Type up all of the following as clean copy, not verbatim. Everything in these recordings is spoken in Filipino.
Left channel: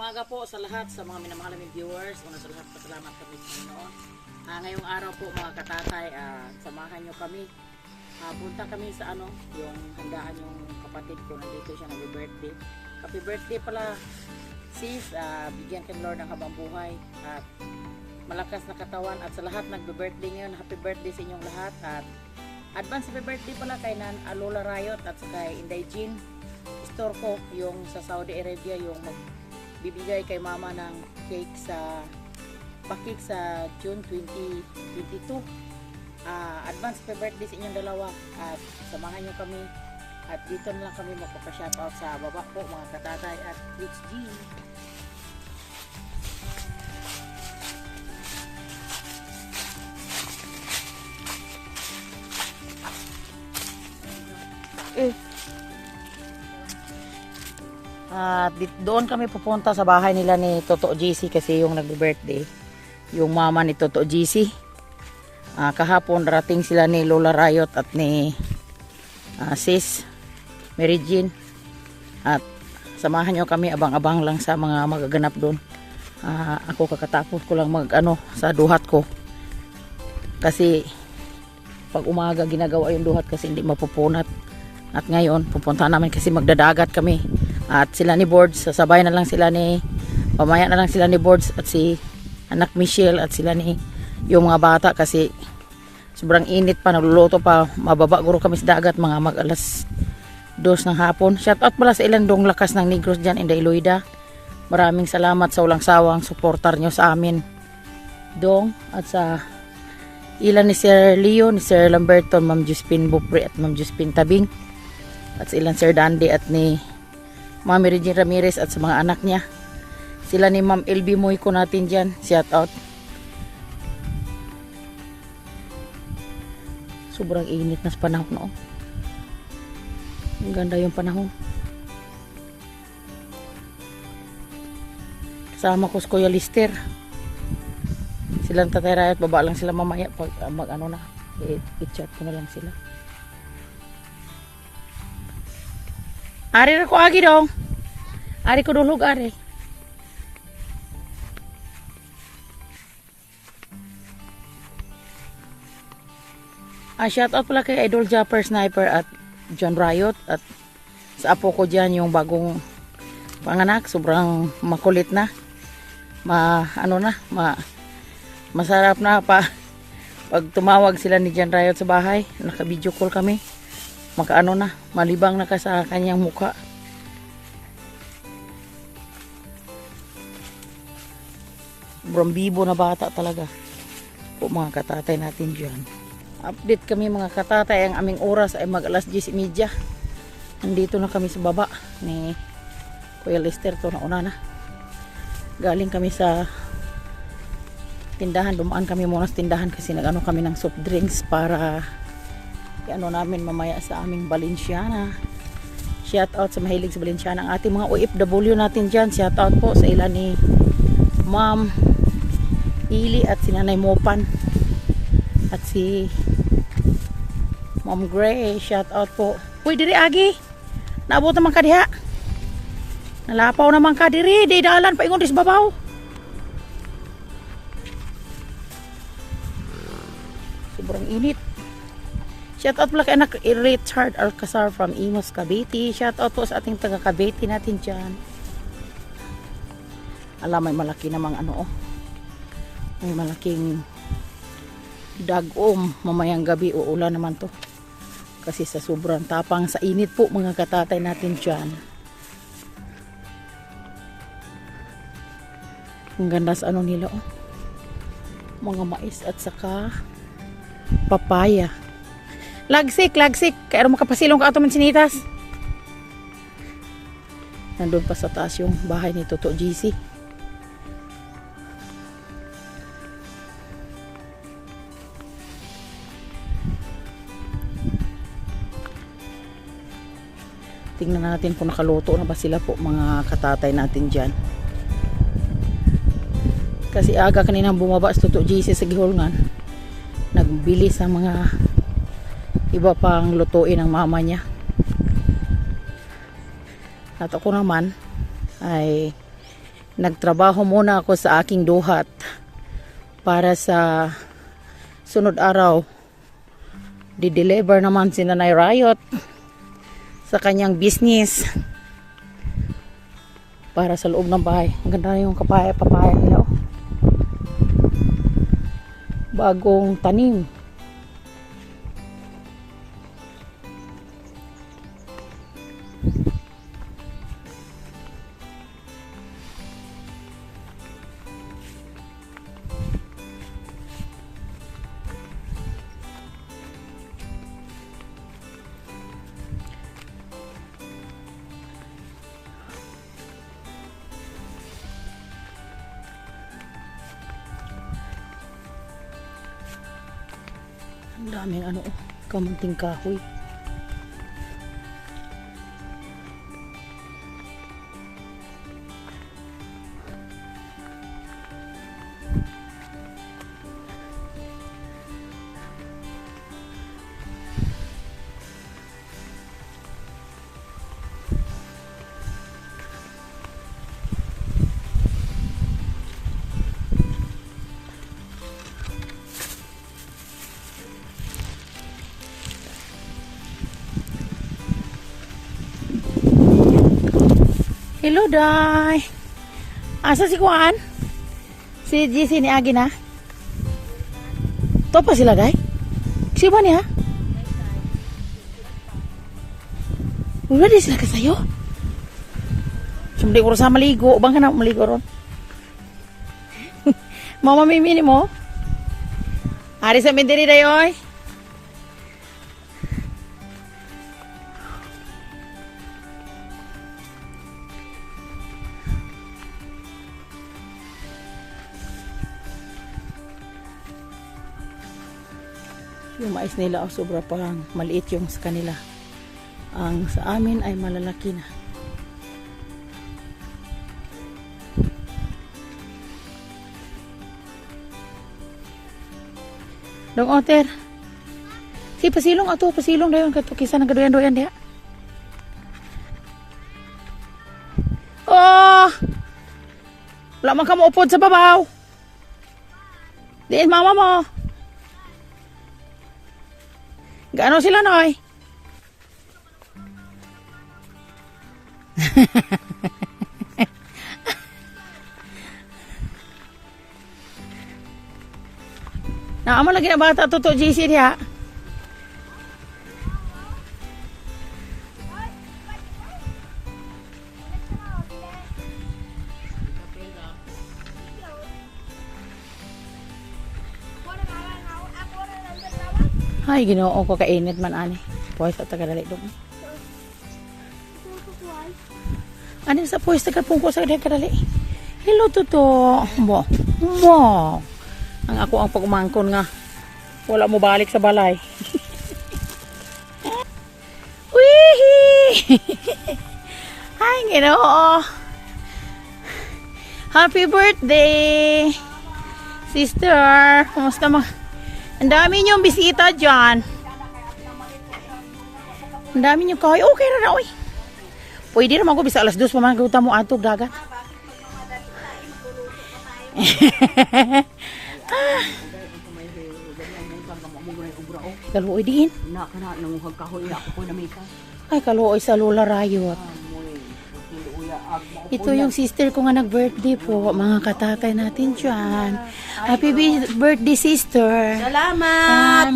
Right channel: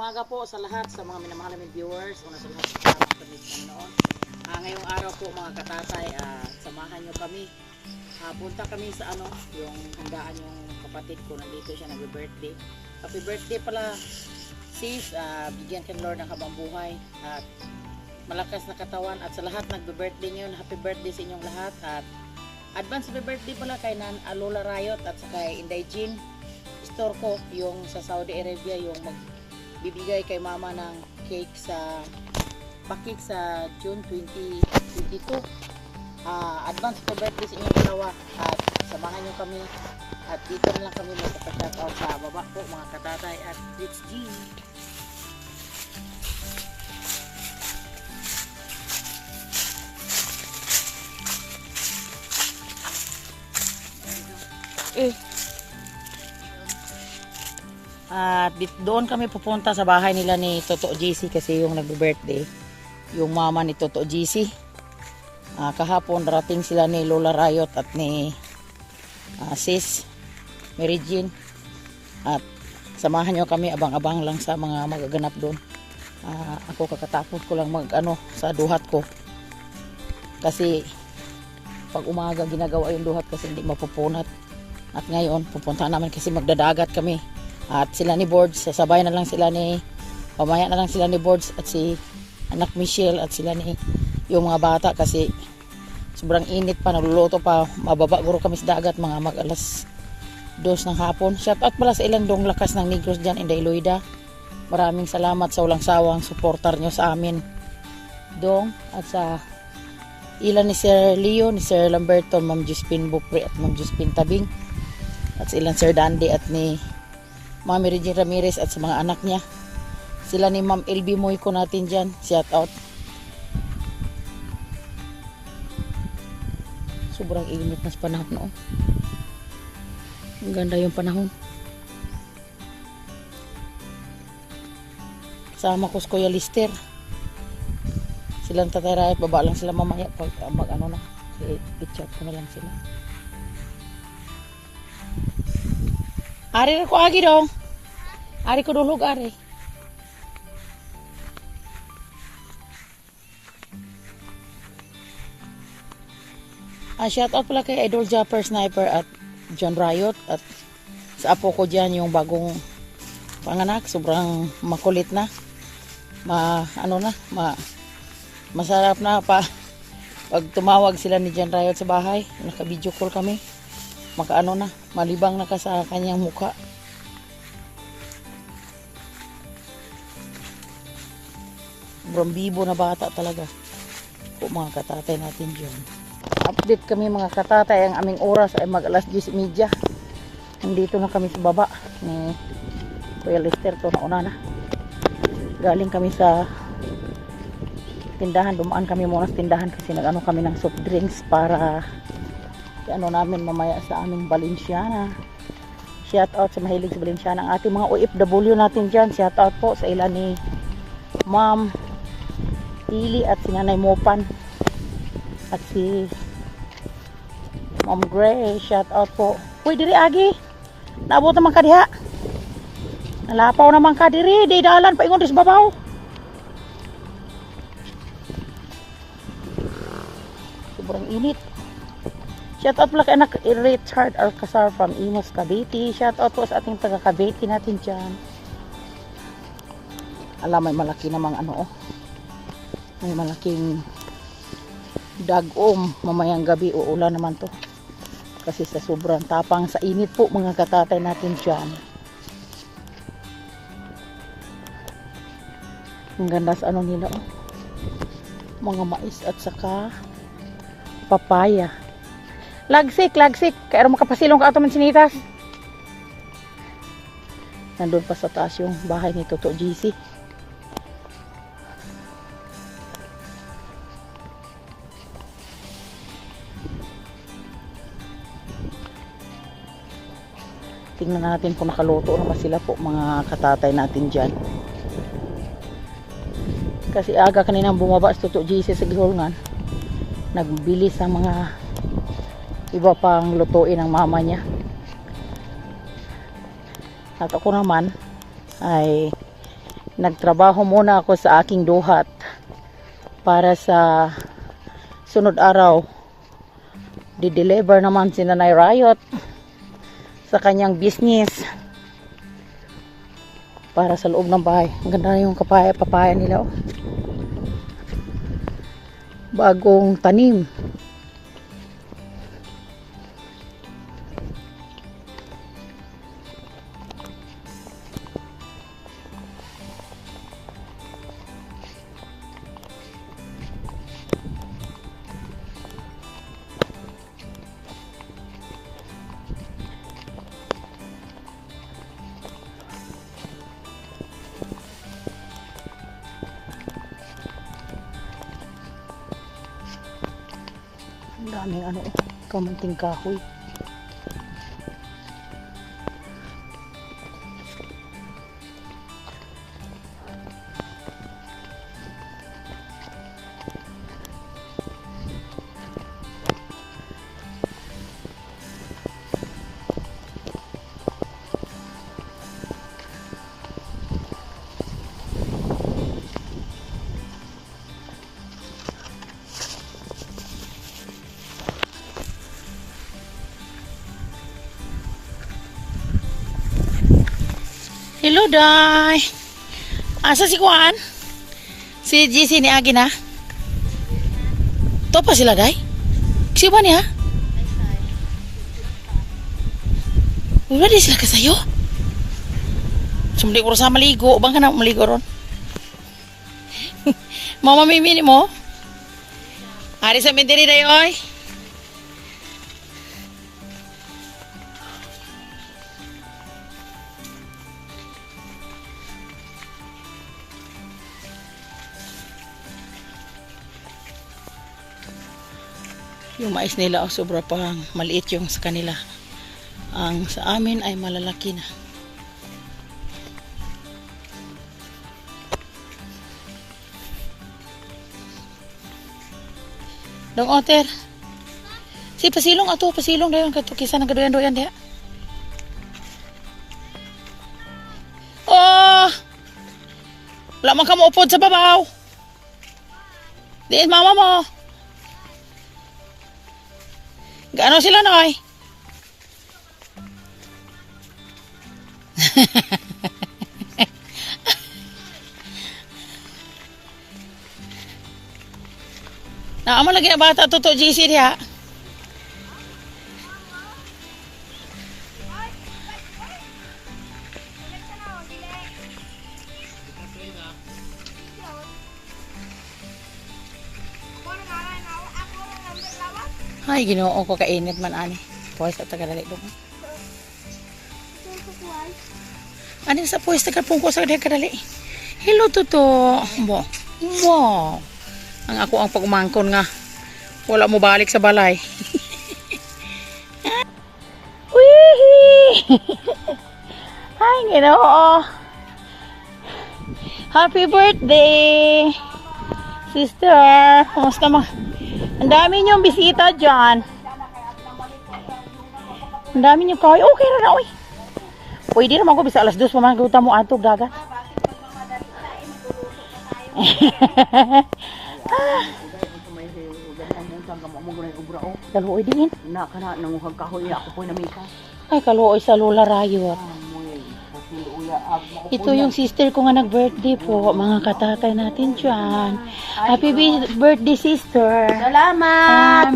umaga po sa lahat, sa mga minamahal naming viewers. Una sa lahat, salamat kami sa Panginoon. Ngayong araw po mga katatay, samahan nyo kami. Punta kami sa yung handaan yung kapatid ko. Nandito siya, nag-birthday. Happy birthday pala sis. Bigyan kang Lord ng habang buhay at malakas na katawan. At sa lahat nag-birthday ngayon, happy birthday sa inyong lahat. At advance happy birthday pala kay Lola Riot at kay Inday Jean. Store ko yung sa Saudi Arabia, yung magbibigay kay mama ng cake sa pakik sa June 2022. Advance happy birthday sa inyong dalawa at samahan nyo kami at dito na lang kami magpapashoutout sa baba po mga katatay at Rich G. At doon kami pupunta sa bahay nila ni Toto GC kasi yung nagbe-birthday yung mama ni Toto GC. Kahapon rating sila ni Lola Riot at ni sis Mary Jean at samahan nyo kami, abang-abang lang sa mga magaganap doon. Ako kakatapos ko lang sa duhat ko kasi pag umaga ginagawa yung duhat kasi hindi mapupunat. At ngayon, pupunta namin kasi magdadagat kami. At sila ni Boards, sasabay na lang sila pamaya na lang sila ni Boards at si anak Michelle at sila ni yung mga bata kasi sobrang init pa, nagluluto pa. Mababa guro kami sa dagat, mga mag-alas 2 ng hapon. Shout out pala sa ilang dong lakas ng Negros dyan, Inday Loida. Maraming salamat sa walang sawang suportar nyo sa amin, dong. At sa ilan ni Sir Leo, ni Sir Lamberton, Ma'am Juspin Bupre at Ma'am Juspin Tabing. At sa ilang Sir Dandy at ni Ma'am Regine Ramirez at sa mga anak niya. Sila ni Ma'am LB Moy ko natin dyan. Shout out. Sobrang init na sa panahon, no? Ang ganda yung panahon. Kasama ko si Kuya Lister. Silang Tatay Riot, baba lang sila mamaya pag na. I-chat ko na lang sila. Ari ko agi dong. Ari ko dulog ari. Shout out pala kay Idol Japper Sniper at John Riot at sa apo ko dyan yung bagong panganak, sobrang makulit na. Masarap na pa pag tumawag sila ni John Riot sa bahay, naka-video call kami. Malibang na ka sa kanyang mukha. Sobrang bibo na bata talaga po mga katatay natin dyan. Update kami mga katatay, ang aming oras ay mag-alas 10:30. Nandito na kami sa baba ni Kuya Lester to nauna na. Galing kami sa tindahan, dumaan kami muna sa tindahan kasi kami ng soft drinks para namin mamaya sa aming Balenciana. Shout out sa mahilig sa Balenciana, ang ating mga OFW natin dyan. Shout out po sa ilan ni Ma'am Ili at si Nanay Mopan at si Ma'am Gray. Shout out po. Uy, diri agi, naabot naman ka diha, nalapaw naman ka diri, di dalan pa ingon dis babaw. Sobrang init. Shout out pala kay anak Richard Alcazar from Imos, Cavite. Shout out po sa ating taga Cavite natin dyan. Alam, may malaki namang may malaking dagom. Mamayang gabi uulan naman to kasi sa sobrang tapang sa init po mga katatay natin dyan. Ang ganda sa nila mga mais at saka papaya. Lagsik. Kaya makapasilong ka ito man sinitas. Nandun pa sa taas yung bahay ni Toto GC. Tingnan natin kung nakaluto na ba sila po mga katatay natin dyan. Kasi aga kanina bumaba sa Toto GC sa gihulngan. Nagbili sa mga iba pang lutuin ng mama niya. At ako naman ay nagtrabaho muna ako sa aking duhat para sa sunod araw di-deliver naman si Nanay Riot sa kanyang business para sa loob ng bahay. Ang ganda na yung papaya nila, oh. Bagong tanim. Ang daming ano, kamunting kahoy. Hello, Day. Asa si Juan? Si GC ni Agi na? To pa sila, Day? Siya niya? Ready sila ka sa'yo? Sumuli ko sa maligo. Bang ka na maligo ron? Mama mimini mo? Ari sa mindiri, Day, oy. Yung mais nila oh, sobra pang maliit yung sa kanila. Ang sa amin ay malalaki na. Dong oter. Si pasilong ato, pasilong dayon kato kisa nagadoyan-doyan dia. Oh! Wala man ka maupod sa babaw. Diin mama mo. Gaano sila, Noy? Naama lagi na bata to GC diha. Ay, ginoo ko kainit man ani. Pwes at tagadali dong. Ano sa pwes tagadpungko sa kadali? Hello Toto. Bo. Ang ako ang pagumangkon nga. Wala mo balik sa balay. Wee! Ay, ginoo. Happy birthday, sister. Kumusta mo? Ang dami niyong bisita dyan. Ang dami niyong kahoy. Okay na oy. Pwede naman ko bisa alas 2 pa man guta mo ato gagat. Kaluoy din. Na kana nanguhag kahoy ako po na mika. Ay kaluoy sa Lola Rayot. Ito yung sister ko nga nag-birthday po. Mga katatay natin dyan. Happy birthday, sister. Salamat!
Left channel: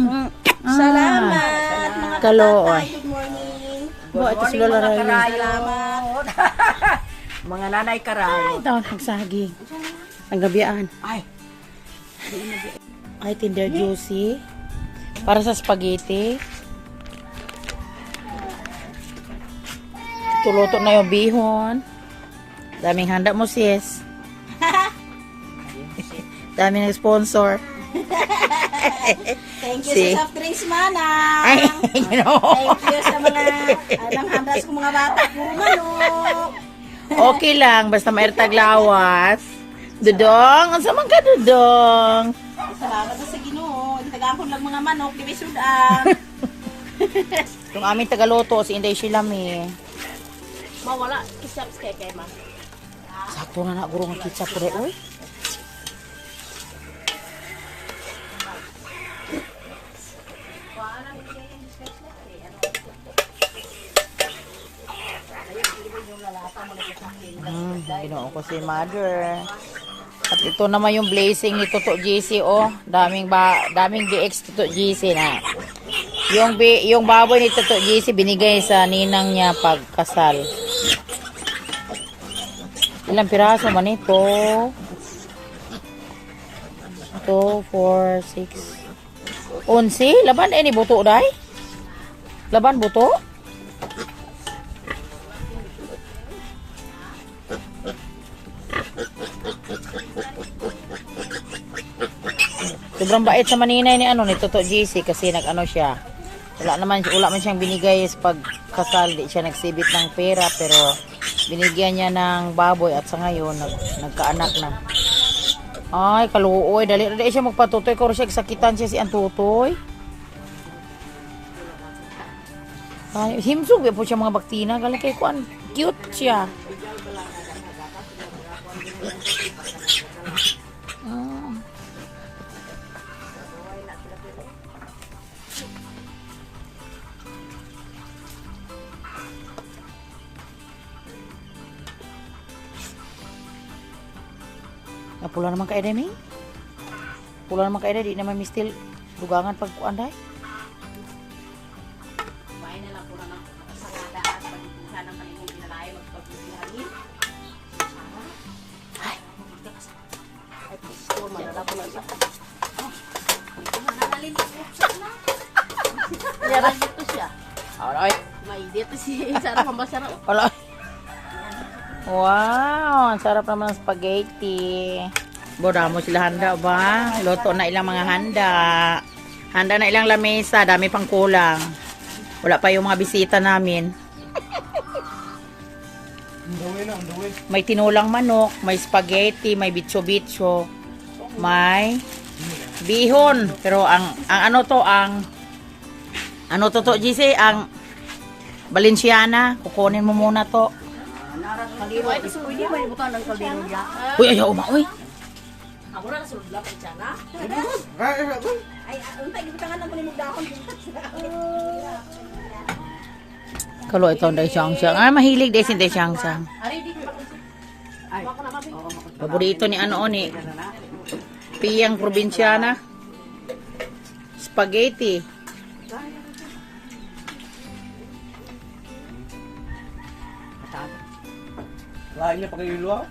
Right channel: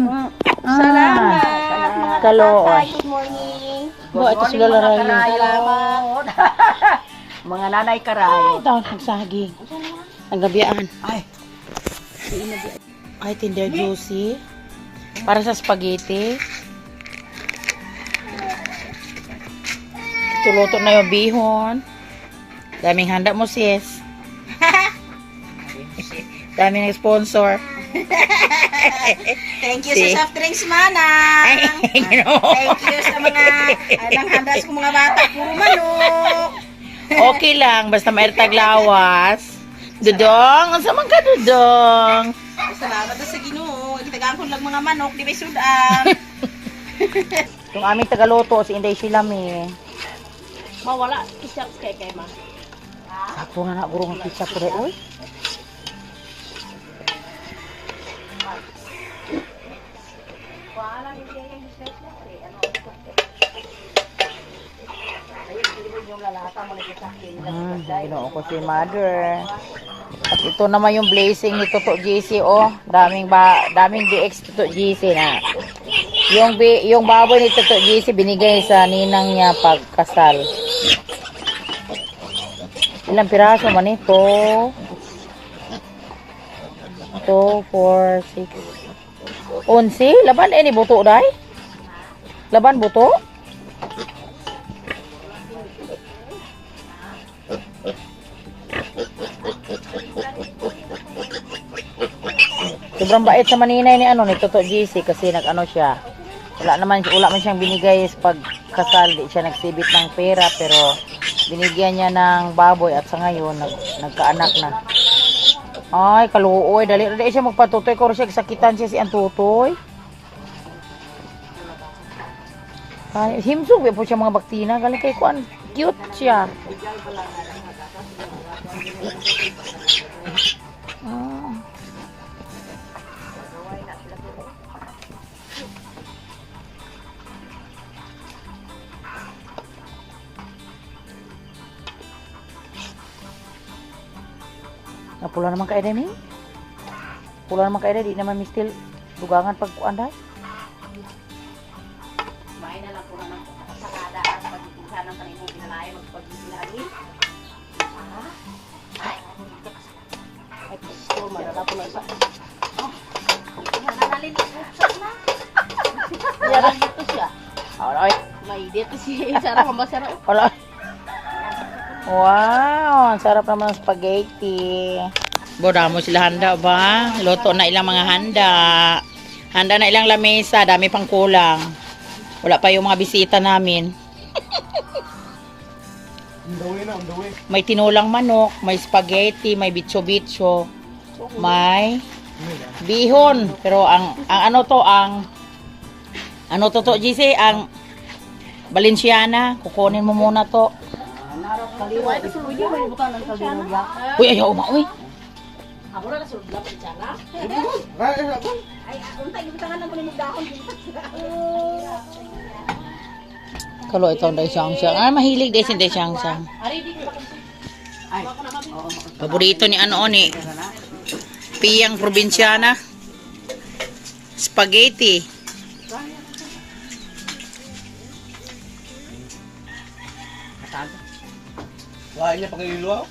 Salamat! Mga Kalooy. tatay, good morning! Bo, ito si Lola Rayot. Salamat! Mga nanay karayo. Ay, taon nagsaging. Ang gabiaan. Ay, Tinder juicy. Para sa spaghetti. Tuluto na yung bihon. Daming handa mo, sis. Daming sponsor. Thank you sa soft drinks, manang. Thank you sa mga handa sa mga bata. Puro manok. Okay lang, basta mairtag lawas. Dudong, ang samang ka, Dudong. Salamat na sa Ginoo. Itagaan ko lang mga manok, di ba sudan? Yung aming tagaluto, si Inday Shilami. Mawala, isang kay ma. Ito nga na guro ng ketchup ko rin, oy. Ginoo ko si mother. At ito naman yung blazing ni Toto JC, oh. Daming DX Toto JC na. Yung baboy ni Toto JC binigay sa ninang niya pagkasal. Ilang piraso man ito? 2, 4, 6. 11? Laban ni buto day? Laban buto? Sobrang bait sa maninay ni ni Toto JC kasi nag-ano siya. Wala man siyang binigay sa pagkasal, di siya nagsibit ng pera pero binigyan niya ng baboy at sa ngayon nagkaanak na. Ay, kaluoy, dali siya magpatutoy ko siya sakitan siya si Antutoy. Ay, himsog po siya mga baktina, galing kay kuan, cute siya. Oh. Pula naman ka Ede, pula naman ka Ede, di naman mistil dugangan pag kuanday. Kumain na lang po naman sa kada at pagpupunta ng kanimong pinalayo magpagpipilagi. Ay, gusto, malala po lang sa... Mananalin ko na. Yan dito siya. Alright. May dito siya. Sarap ang basara. Wala. Wow, ang sarap naman ng spaghetti. Boda mo sila handa ba? Luto na ilang mga handa. Handa na ilang lamesa, dami pang kulang. Wala pa yung mga bisita namin. May tinulang manok, may spaghetti, may bitso-bitso, may bihon. Pero ang ano to GC, ang Valenciana. Kukunin mo muna to. Kaldero. Kasi pwede mo ibutan ng kaldero niya. Uy, ayaw uy. Ako na nasulod lang ang tiyaga. Ay, untay, ibutangan na mo ng dahon. Kalau ito ang daisang-sang. Ah, mahilig din si daisang-sang. Ari, di ba? Ay, Paborito ni ni Piyang Probinsyana. Spaghetti. Lain niya pag-iluaw.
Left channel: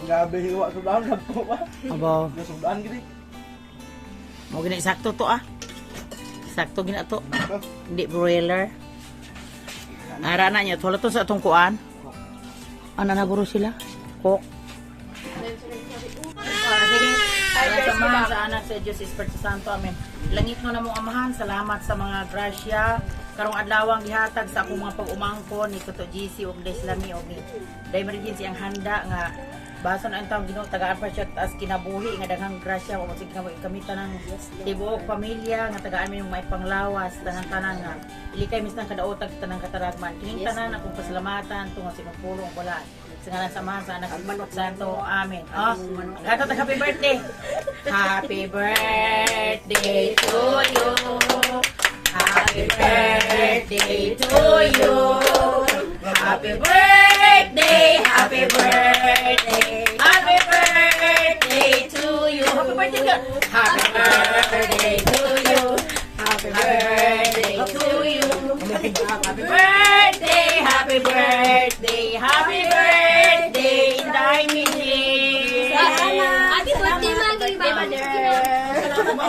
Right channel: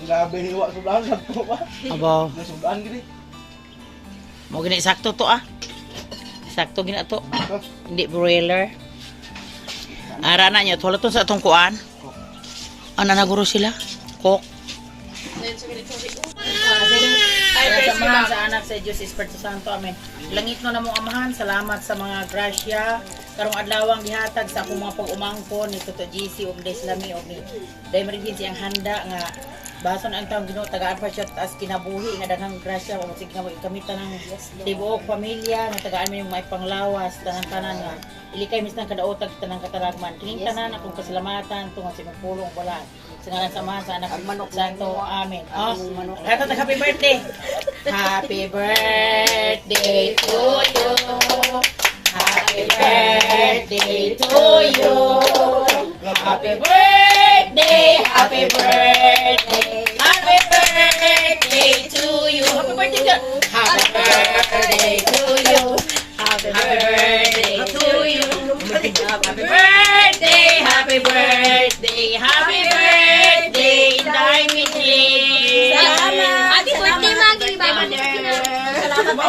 Grabe hiwa sudan sa po ba? Aba, Nasudan gini. mo gini sakto to ah. Sakto gina to. Hindi broiler. Ara na niya, wala to sa atong kuan. Ano na guro sila? Cook. Samahan sa anak sa Diyos Espiritu Santo. Amen. Langit mo na mong amahan. Salamat sa mga grasya. Karong adlawang gihatag sa akong mga pag-umangkon ni Toto GC og Deslami og ni Daimarin ang handa nga bason ang taong Ginoo tagaan pa siya as kinabuhi nga daghang grasya o sig kamitan ng tibuok pamilya nga tagaan mi yung may panglawas tanan nga ilikay mistan kadaotag tanang kataragman kining tanan akong pasalamatan tungod sa pulong wala sa ngalan samahan sa anak ng Santo. Amen. Happy birthday. Happy birthday to you. Happy birthday to you. Happy birthday, happy birthday, happy birthday to you. Happy birthday ka. Happy birthday to you. Happy birthday to you. Happy birthday, happy birthday, happy birthday, Daimini. Happy birthday, Maggie. Salamat po.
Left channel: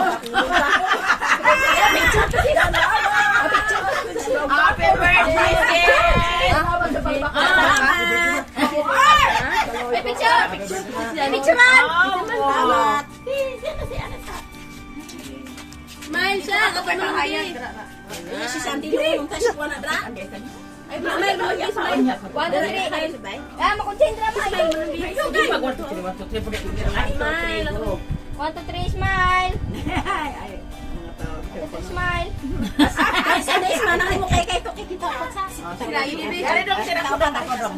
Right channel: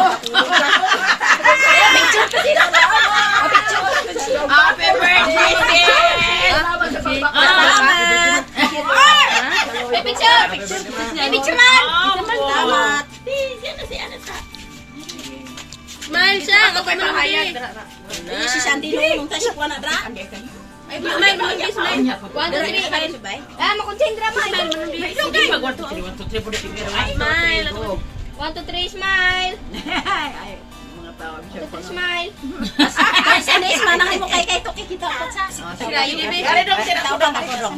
Happy birthday, Salamat sa Salamat. Picture, man. Salamat. Man siya, kapag mamahayag. Ini si Sandy nung tayo siya na dra. Ay, may manubis, man. 1, 2, 3. Ah, makonsentra, man. Sige, mag-1, 2, 3, 1, 2, 3, 4, 5, 6, 7, 8, 9, 10, 11, 12. Smile. 1, 2, 3, smile. Ay, mga Smile. Ay, Sunday, manahin mo kay to kikita ko sa. Sila yun, baby. Tawag ako dong.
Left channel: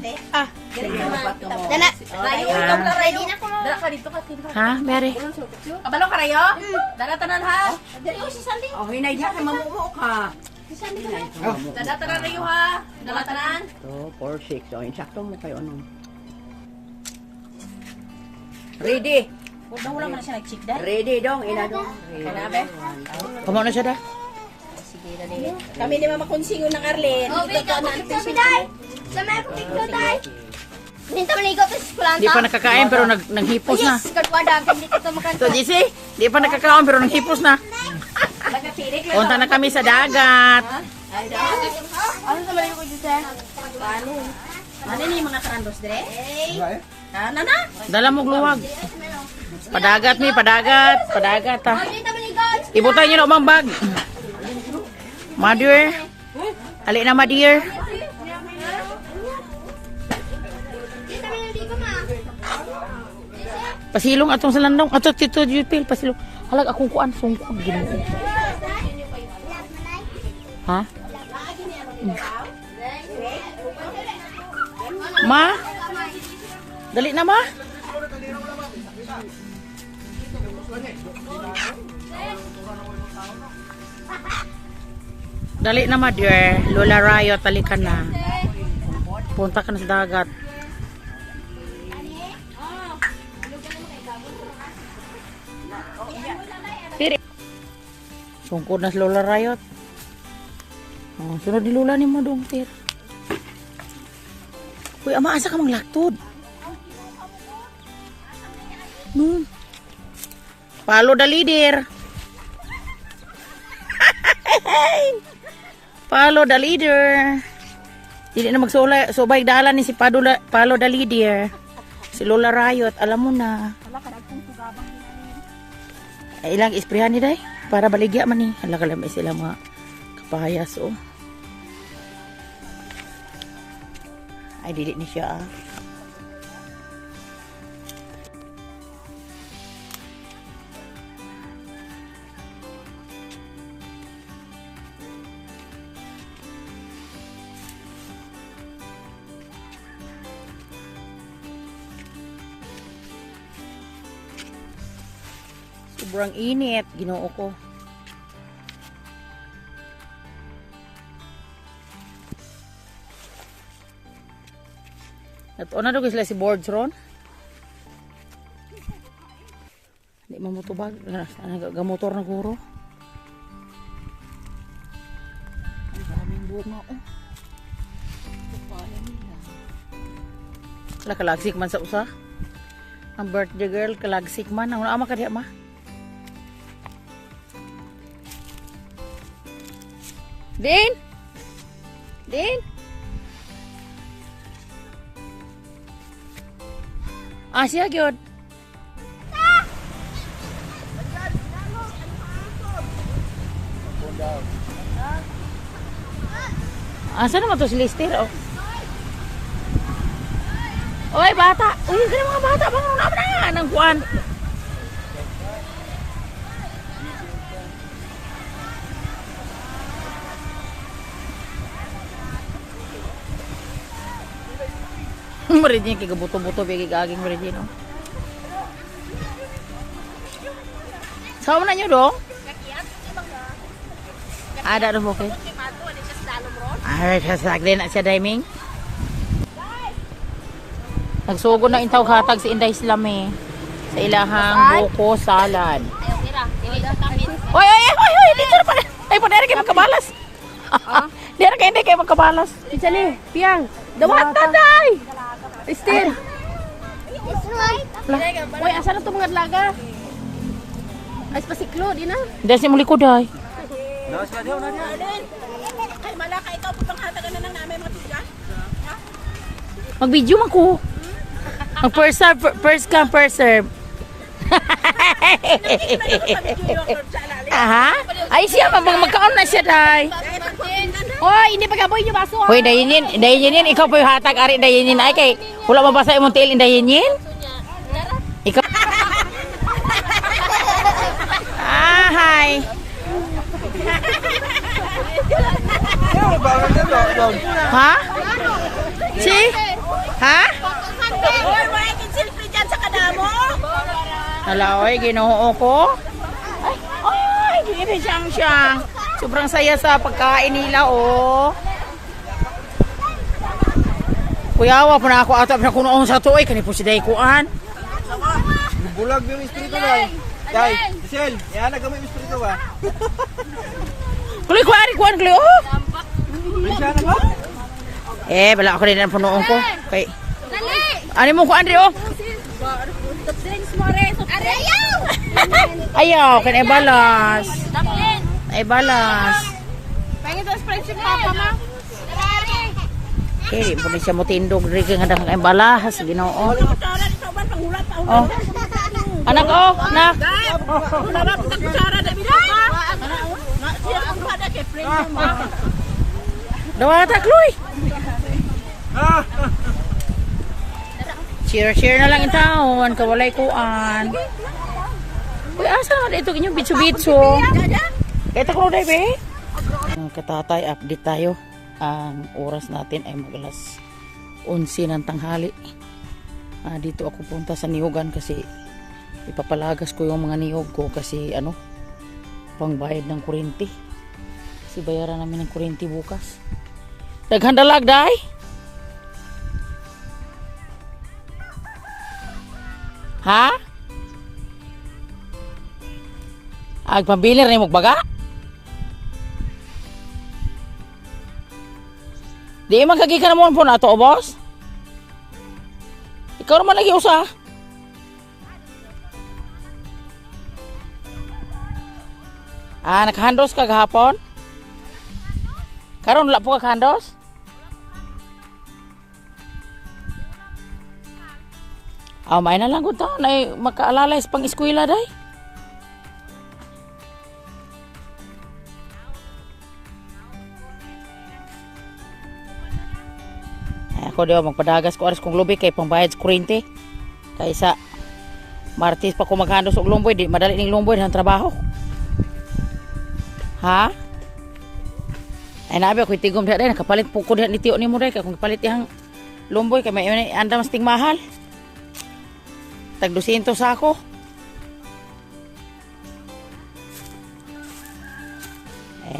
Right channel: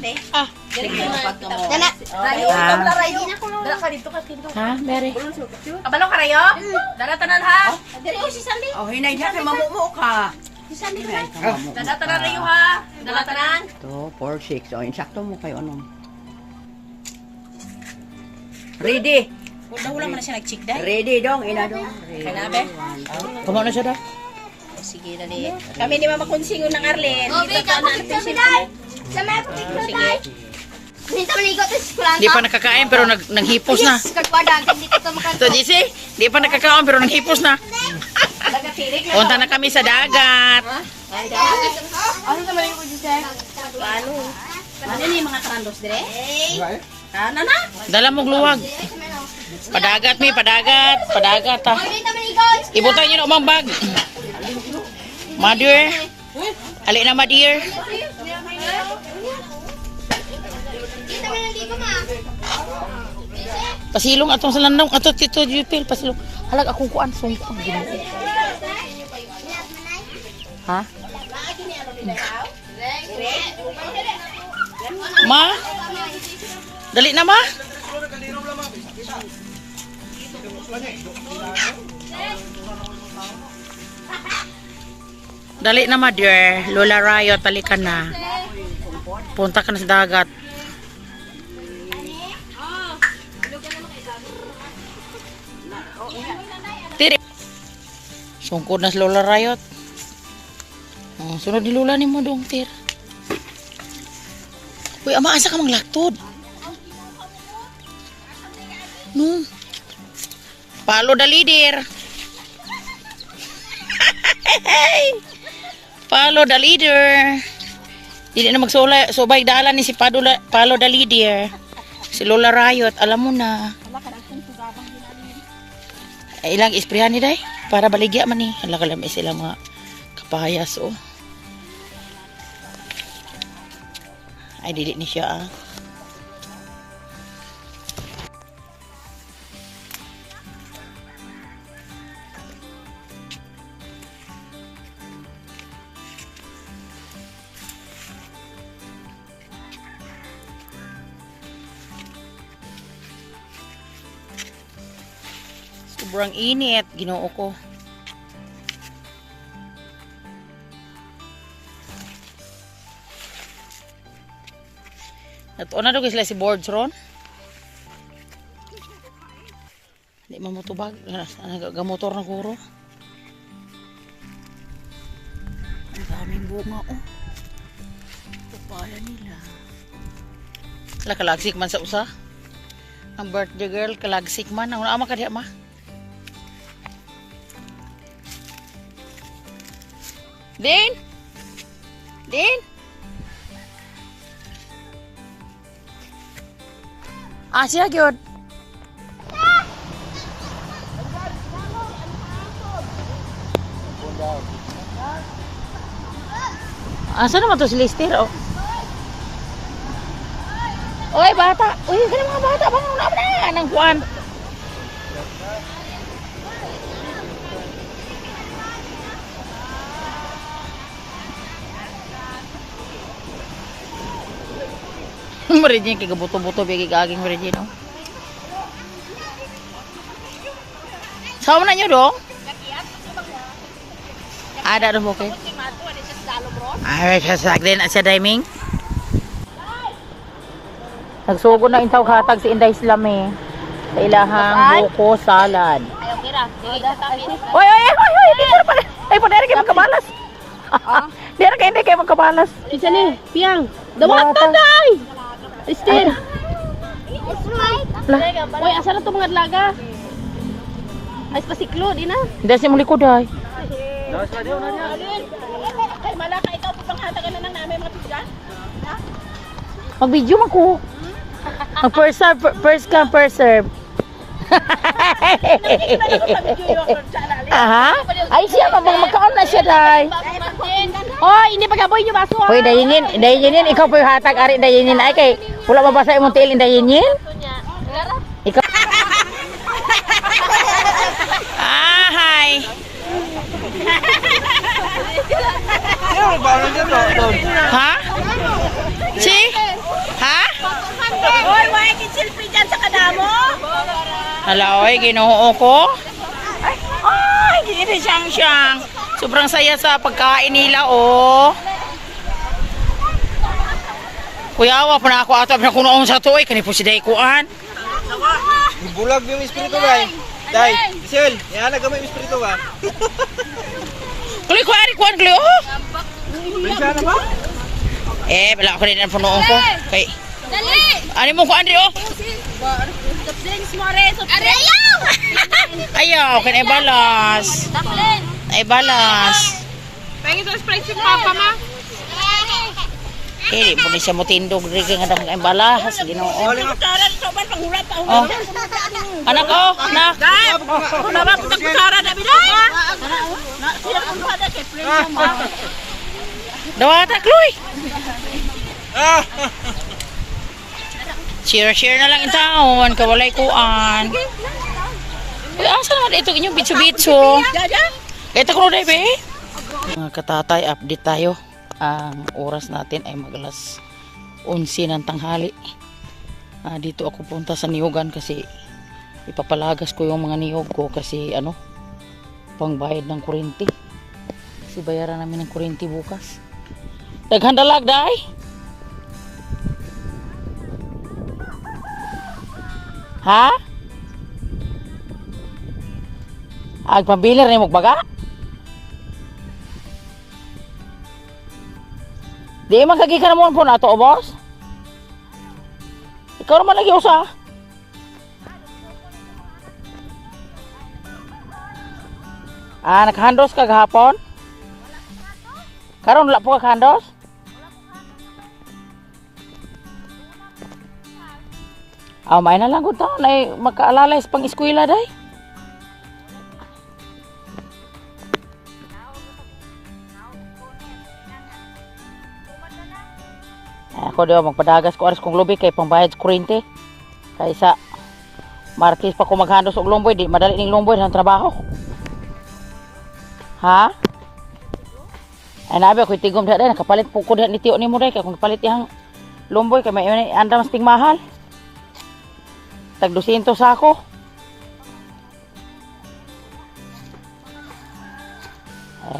Dana. Utong na rayo. Dala ka dito ka tinto. Ha, Mary? Kabalo ka rayo? Dala tanan ha. Dali si Sunday. Oh, hinay dyan kay mamumo ka. Si Sunday ka. Dala tanan rayo ha. Dala tanan. 2, 4, 6. Oh, insakto mo kayo anong. Ready. Wala man na siya nag-check dahil. Ready dong, ina dong. Kanabe? Kamo na siya da? Sige, dali. Kami ni Mama Kunsingo ng Arlen. Oh, Dito ka na Sa biday. Sa may picture day. Dito man igot sa kulanta. Di pa nakakain pero naghipos na. Kagwadang hindi ka makan. To JC, di pa nakakain pero naghipos na. Nagatirik na. Punta na kami sa dagat. Ano naman yung kuya sa? Ano? Ano ni mga trandos dire? Ano na? Dala mo luwag. Padagat mi, padagat ha. Dito man igot. Ibutan niyo na umang bag. Ma dear. Ali na ma dear. Dito man yung ligo ma. Pasilong atong sa landong. Ato tito Jupil, pasilong. Halag akong kuan sungko ang Ginoo. Ha? Ma? Dali na ma? Dali na ma dear. Lola Rayo, tali ka na. Punta ka na sa dagat. Tiri. Sungkod na si Lola Rayot. Oh, sunod ni Lola ni mo dong, Tir. Uy, ama, asa ka mang laktod? No. Palo the leader. Palo the leader. Hindi na subay dalan ni si Palo the leader. Si Lola Rayot, alam mo na. Ay, ilang isprehan ni day para baligya man ni. Hala kalam sila mga kapayas oh. Ay dili ni siya ah. Sobrang init, Ginoo ko. Nato na daw sila si boards ron. Di mamutubag, gamotor na guro. Ang daming bunga oh. Papaya nila. Wala kalagsik man sa usa. Ang birthday girl kalagsik man. Ang ama ka diya ma. Din? Din? Ah, siya gyud. Asa naman to si Lister oh? Oy, bata. Kaya mga bata bang na nang kuan. Marijin kay gabuto-buto bigay gaging marijin oh. Sama na nyo dong? Ada ro bukid. Ay, sasak din sa timing. Nagsugo na intaw hatag si Inday Islam eh. Sa ilahang buko salad. Oy, dito na pala. Ay, pwede kayo magkabalas. Dito kayo magkabalas. Isa ni, piyang. Dawat na day. Esther. Uy, asa na to mga laga? Ay, pasiklo, di na. Hindi si muli ko day. Kay malaka ikaw pagpanghatagan na ng namin mga tigyan. Mag-video man ko. First come, first serve. Aha. Ay siya, magkaon na siya day. Oh, hindi pagaboy niyo baso. Hoy, dayinin, ikaw po yung hatag, ari dayinin. Ay kay, wala mabasa yung tail, dayinin. Ikaw. Ah, hi. Ha? Si? Ha? Hoy, why selfie dyan sa kadamo? Hala, oy, ginoo ko. Ay, gini siyang. Sobrang saya sa pagkain nila, oh. Kuyawa pa na ako ato na kunoon sa tuoy. Kani po si Daykuan. Bulag yung espiritu day. Day, Michelle, yan na gamay yung espiritu ba? Kuloy, kuwan, kuloy, oh. Bisa na mo? Bala ako rin ang punoon ko. Kay, Dali! ano mo ko, Andre, oh? Soft drinks mo rin. Ayaw! Ayaw, kan balas. Daplin! Ay balas. Pangin to Sprite si Papa, ma. Di po ni siya mo tindog rin kaya nga ang balas. Ginoo. Oh. Anak ko, nak. Dapat pagkusara na biday. Sila ang kada kay friend mo. Dawata, Chloe. Share na lang in taon. Kawalay kuan. Asa naman ito inyong bitso-bitso. Ito ko na be. Mga katatay, update tayo. Ang oras natin ay mag-alas 11 ng tanghali. Dito ako punta sa niyugan kasi ipapalagas ko yung mga niyog ko kasi pangbayad ng kuryente. Kasi bayaran namin ng kuryente bukas. Naghandalag, day? Ha? Ay, pambilir na yung magbaga? Di magkagi ka naman po na ito, boss? Ikaw naman lagi usa. Nakahandos ka kahapon? Karon wala po ka kahandos? May na lang ko ito. Makaalalay sa pang-eskwela, day. Ako daw magpadagas ko aras kong lubi kay pangbayad sa kuryente. Kaysa Martes pa ko maghandos og lumboy, di madali ning lumboy ng trabaho. Ha? Ay nabi ako tigom diha day nakapalit po ko diha ni tiyo nimo day kung palit yang lumboy kay may anda mas ting mahal. Tag 200 sa ako.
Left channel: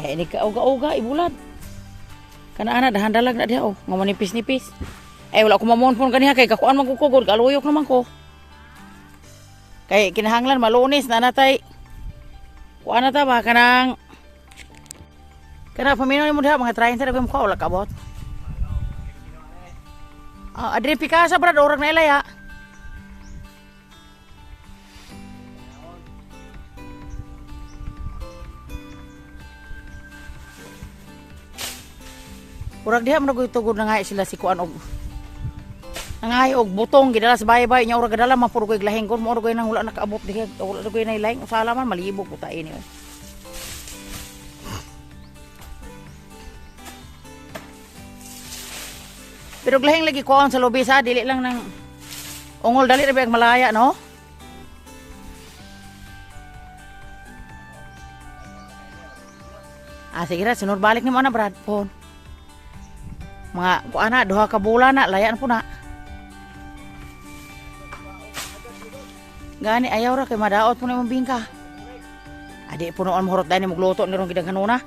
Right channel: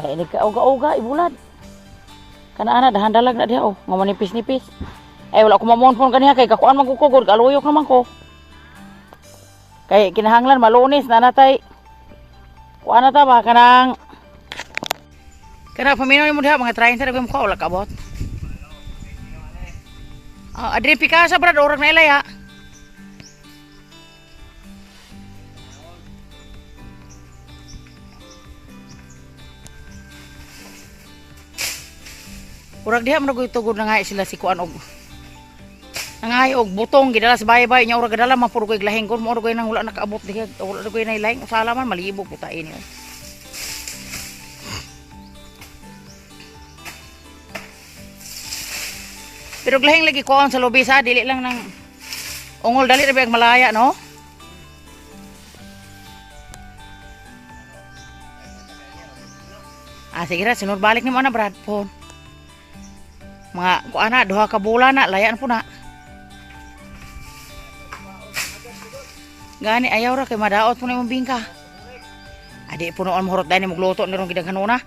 Ini ka uga-uga ibulad. Kana ana dahan-dalag na diha nga manipis-nipis. Wala ko mamonpon kaniha kay kakuan man ko kugod, kaluyok naman ko. Kay kinahanglan malunis na natay. Kuan na ta ba kanang paminaw ni mo diha mga 30 ra mo ko wala kabot. Adri pikasa brad orag na ilaya. Urag diha man tugod na nga sila si kuan og nangay og butong gidala sa bahay-bahay nya urag gadala man puro koy glahing kon mo koy nang wala nakaabot diha wala koy na ilaing usala man malibog putain ni. Pero glahing lagi kuan sa lobby sa dili lang nang ungol dali ra ang malaya no. Sige ra sunod balik ni mo na Brad phone. Mga kuana duha ka bulan na layan po na. Gani ayaw ra kay madaot po na imong bingka. Adi po noon mahurot dahil ni magluto ni rong gidang kanuna.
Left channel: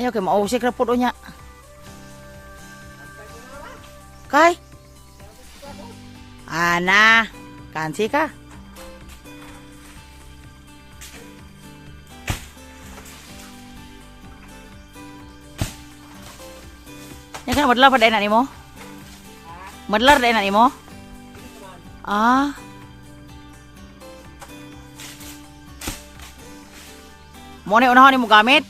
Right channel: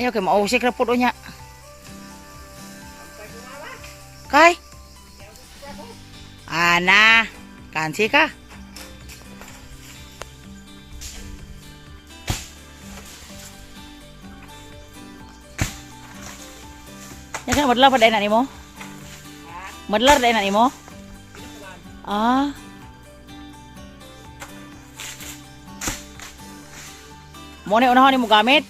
Ayaw kay mausik ra po do nya. Kay? Ana, kansi ka? Ya kan madlar pada enak nimo? Madlar pada enak nimo? Mo ni unahan nimo gamit?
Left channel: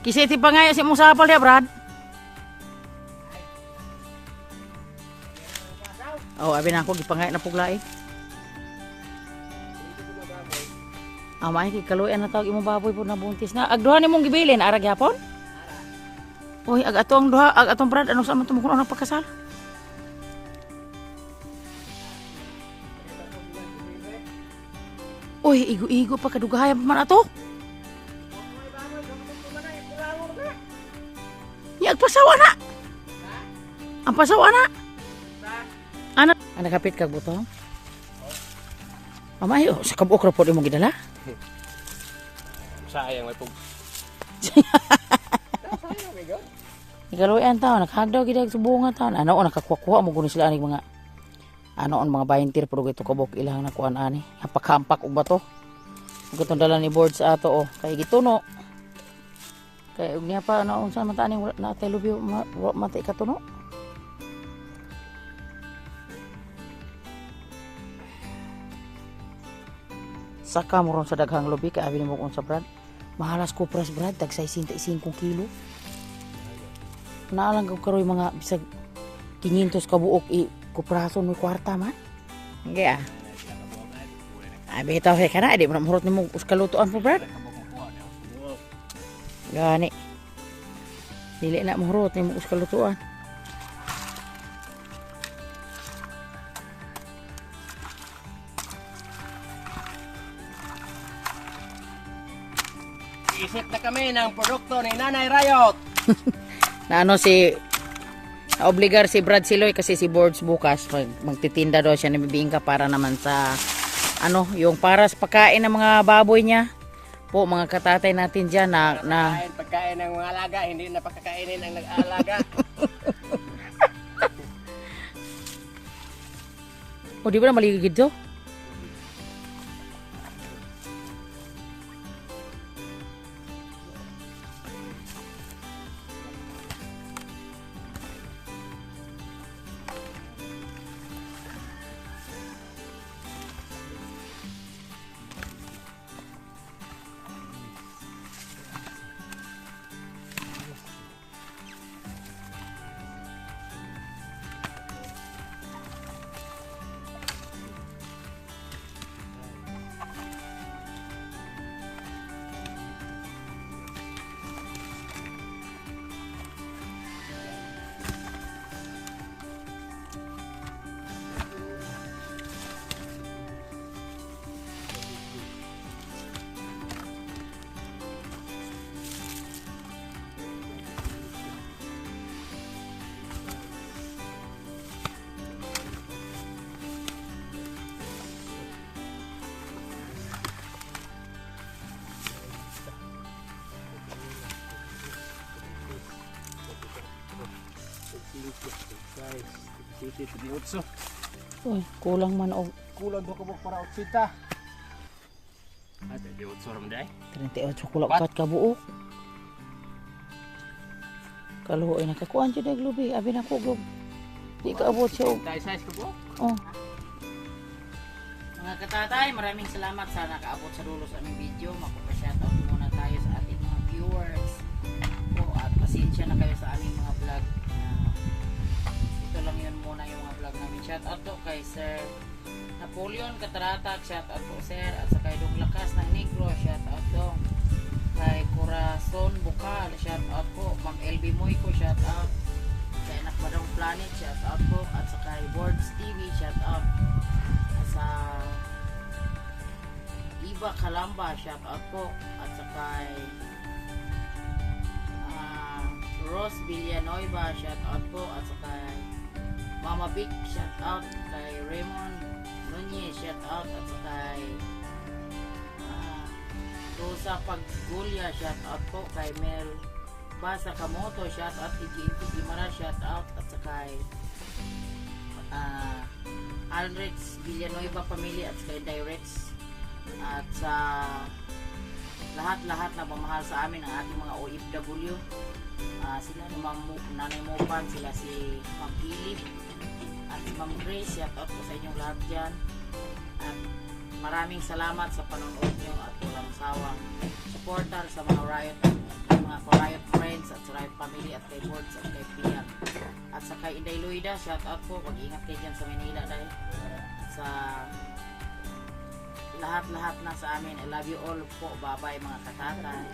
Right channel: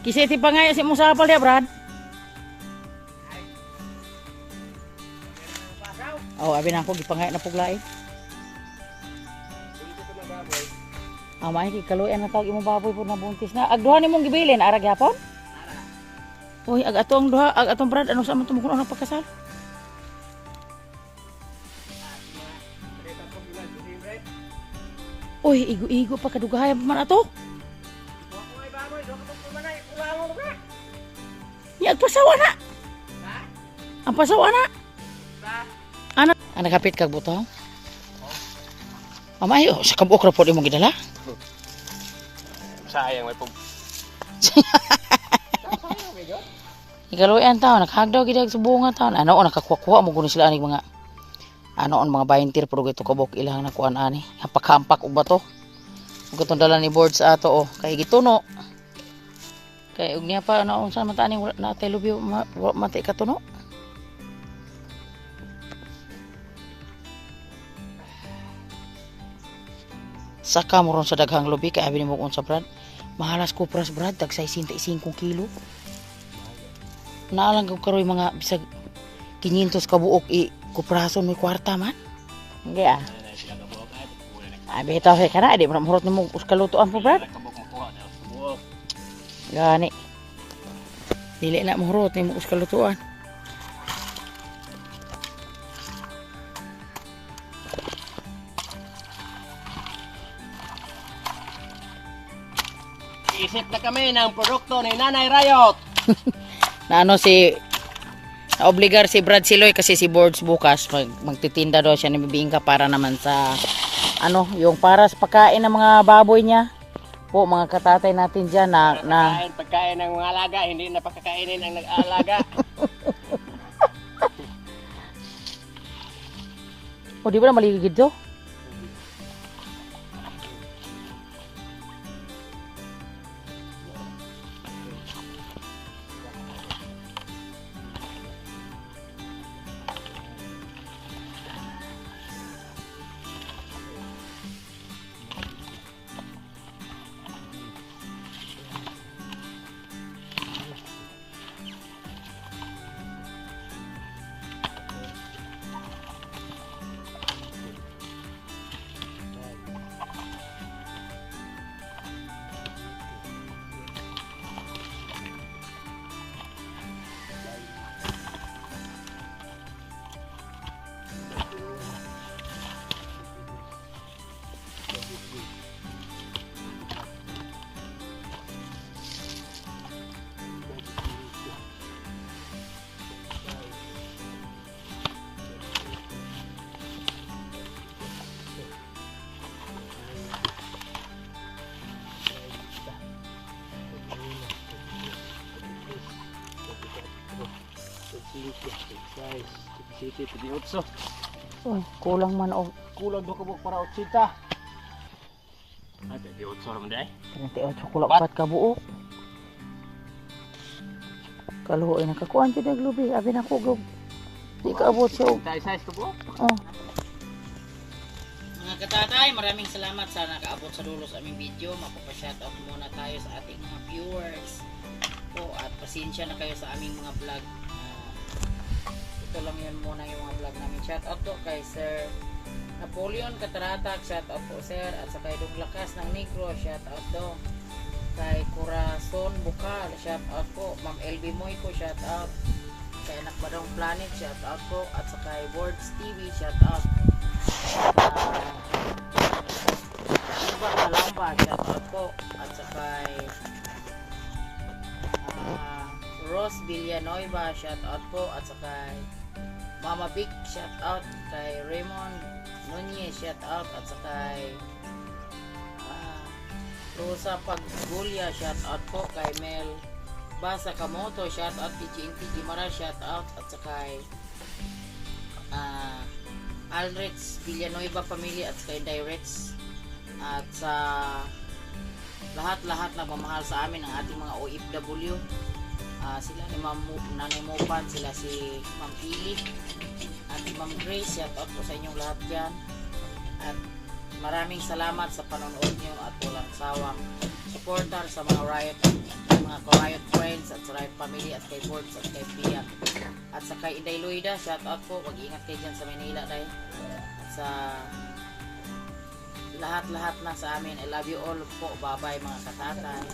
Kisih tipe ngaya si Musa apal dia Brad? Abi na ako gipangay na puglay. Amay kay kaluyan na tawag imong baboy po na buntis na. Agduha nimong gibilin arag yapon? Uy, ag atong duha, ag atong Brad ano sa man tumukuno ng pagkasal? Uy, igo-igo pa kadugayan pa man ato. Yang pasawa na. Ang pasawa na. Ano? Ang nakapit kag butong? Mamayo, sa kabuok ra po di mo gidala? Sayang may pag... Ikaluyan taon, naghagdaw gidag sa bunga taon. Ano, nakakuha mo guni sila aning mga mga bahintir pero gito kabok ilang nakuan ani. Hampak-hampak og bato. Gutong dala ni board sa ato kay gituno. Kay ug niya pa unsa man tani wala na tay lubyo matay katuno. Saka mo ron sa daghang lubi kay abi nimo unsa brad. Mahalas kupras brad tag 65 kilo. Naalang ko karoy mga bisag 500 ka buok kuprason may kwarta man. Hindi ah. Bitaw kay kana di mo mahurot nimo uskalutuan po brad. Gani. Dili na mahurot nimo uskalutuan. Isip na kami ng produkto ni Nanay Rayot. Na naobligar si Brad Siloy kasi si Boards bukas magtitinda daw siya ng bibingka para naman sa yung para sa pagkain ng mga baboy niya. Po mga katatay natin diyan na Pagkain ng mga alaga, hindi na pagkakainin ang nag-aalaga. O di ba na maligid to? Oh, kulang man og Kulang do kabuk para 80. Ate di 8 naman dai. 38 kulang 4 ka buok. Kaluoy nakakuan jud og lubi abi na ko gog. Di ka abot siya og Size ko po. oh. Mga katatay, maraming salamat sa nakaabot sa dulo sa aming video. Mapapa-shoutout muna tayo sa ating mga viewers. Po at pasensya na kayo sa aming mga vlog. Ito lang yun muna yung mga vlog namin. Shoutout to kay Sir Napoleon Kataratag, shoutout po sir. At sa kay Dong Lakas ng Negro, shoutout to. Kay Corazon Bukal, shoutout po. Ma'am LB Moyko, shoutout. Kay Anak Badong Planet, shoutout po. At sa kay Boards TV, shoutout. Iba Kalamba, shoutout po. At sa kay Ros Villanueva, shoutout po. At sa kay Mama Big, shoutout. Kay Raymond Nunez, shoutout. At sa kay Rosa Pagulya, shoutout po. Kay Mel Basa Kamoto, shoutout. Kay GNT Gimara, shoutout. At sa kay Aldrich Villanueva Family at kay Directs. At sa lahat-lahat na mamahal sa amin ang ating mga OFW. Sila ni Nanay Mopan, sila si Ma'am Ili at si Ma'am Grace, shout out po sa inyong lahat dyan. At maraming salamat sa panonood nyo at walang sawang supporter sa mga Riot friends at sa Riot family at kay Boards at kay Piak. At sa kay Inday Loida, shout out po, mag-ingat kayo dyan sa Manila dahil sa lahat-lahat na sa amin. I love you all po. Bye-bye mga katatay.